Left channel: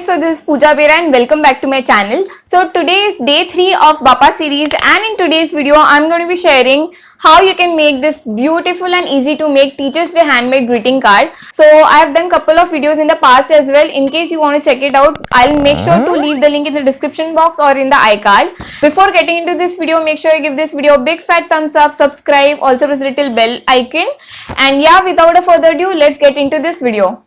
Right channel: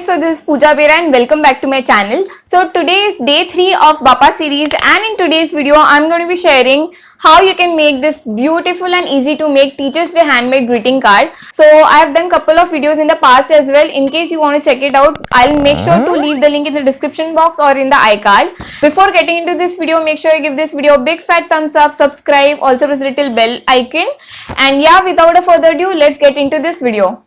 guys, so this is Pooja Bera and welcome back to my channel. So today is day 3 of Bapa series, and in today's video I'm going to be sharing how you can make this beautiful and easy to make Teachers Day handmade greeting card. So I have done couple of videos in the past as well. In case you want to check it out, I'll make sure to leave the link in the description box or in the iCard. Before getting into this video, make sure you give this video a big fat thumbs up, subscribe, also press the little bell icon, and yeah, without a further ado, let's get into this video.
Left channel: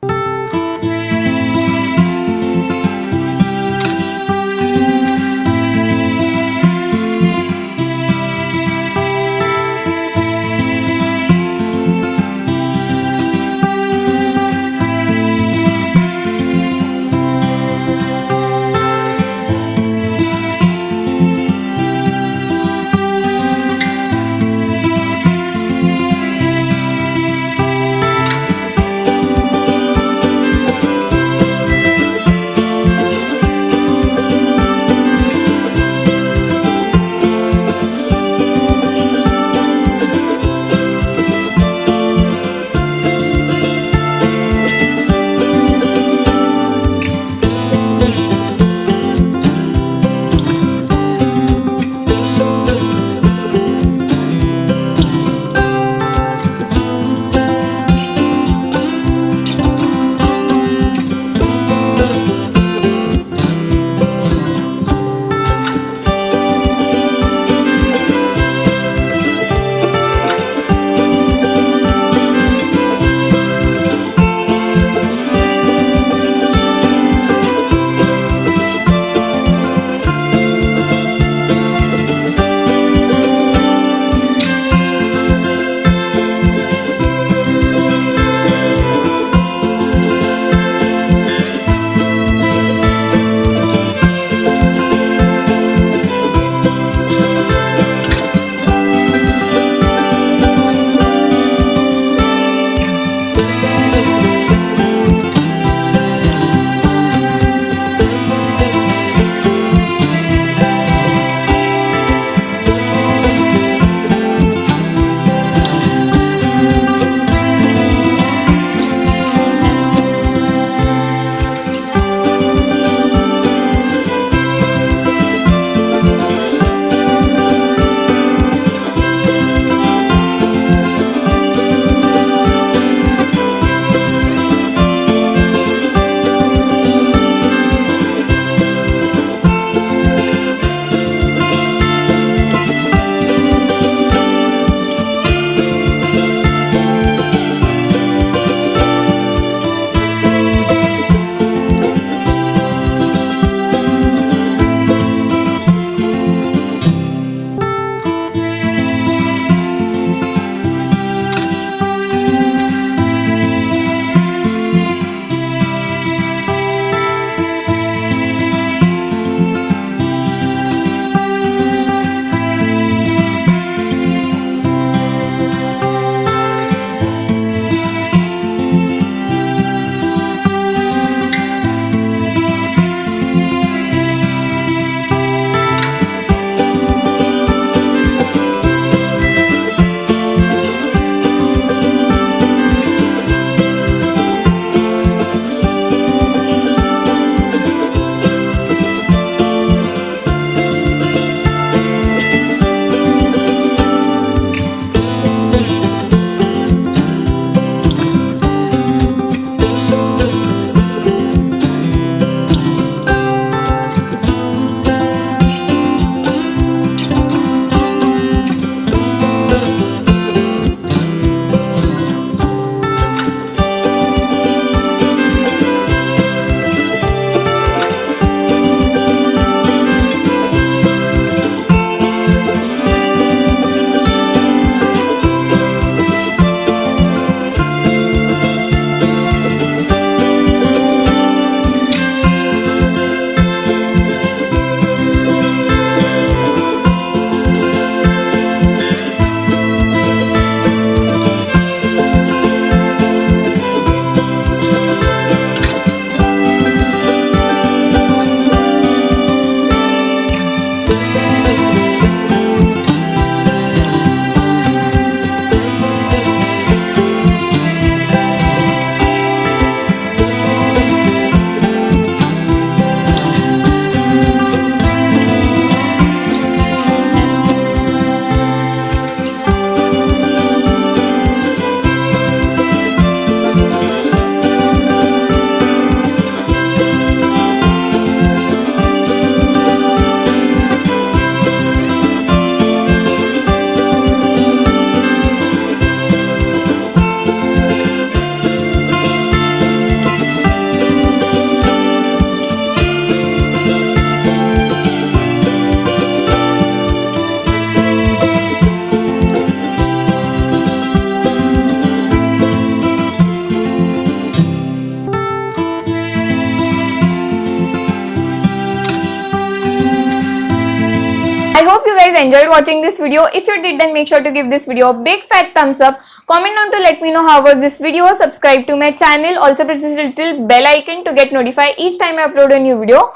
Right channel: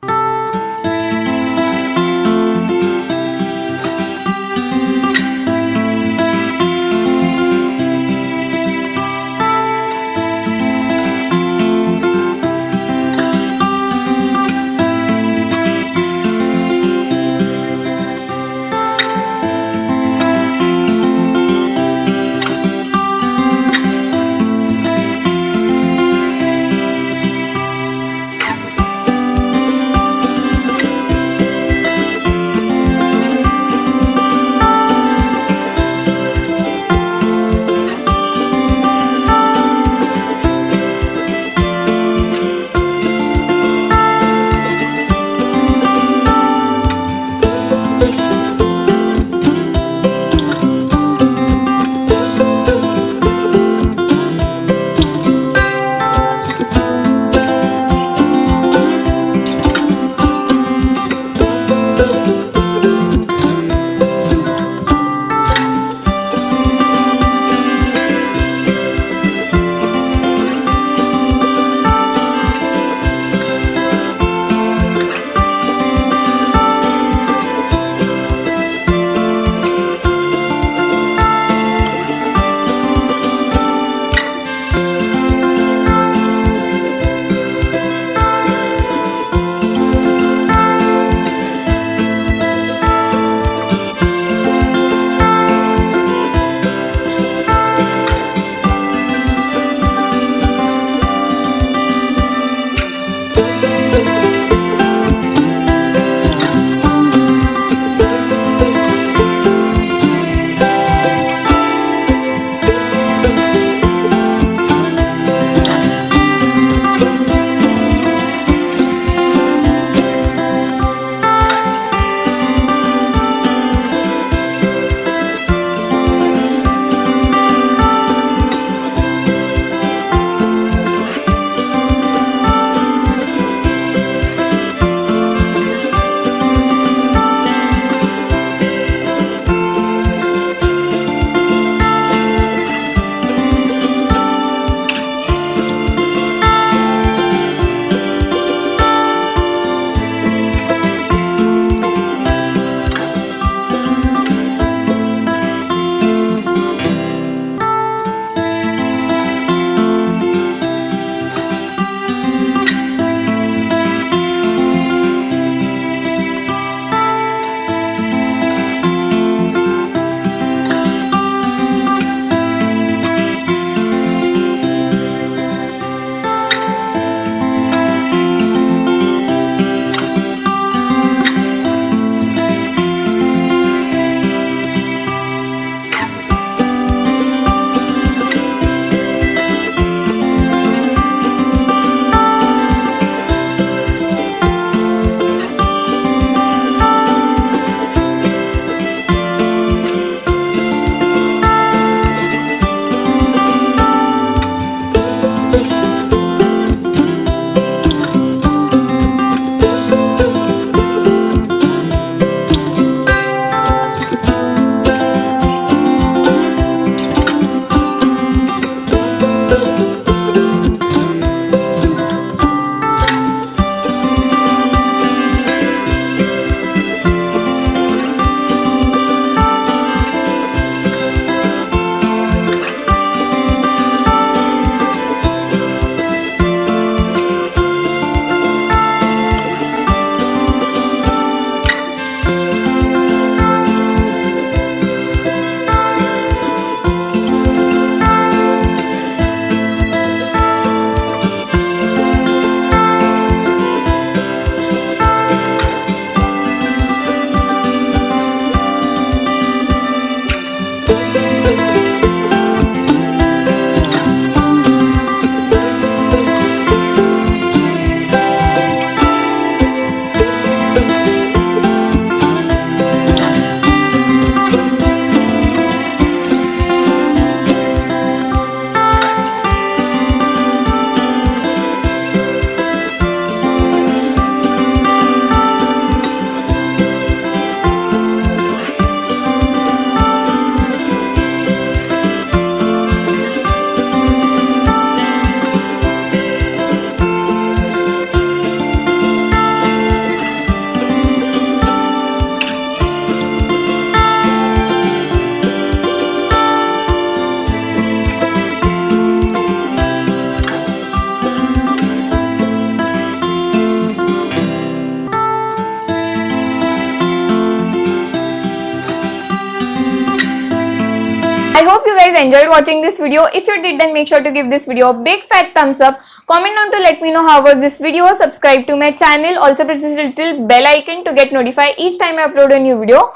guys enjoyed watching this video. If you did, then make sure to give this video a big fat thumbs up. Comment down to let me know how was this video. Subscribe to my channel. Also press this little bell icon to get notified each time I upload a new video.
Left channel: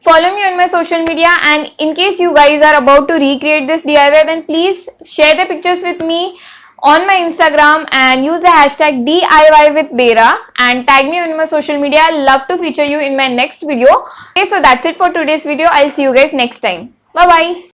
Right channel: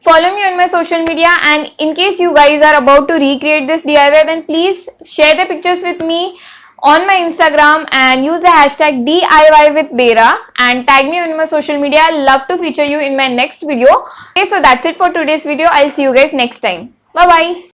Follow me on my social media, and in case you guys are about to recreate this DIY, then please share the pictures with me on my Instagram and use the hashtag DIY with Dera and tag me on my social media. I'll love to feature you in my next video. Okay, so that's it for today's video. I'll see you guys next time. Bye bye.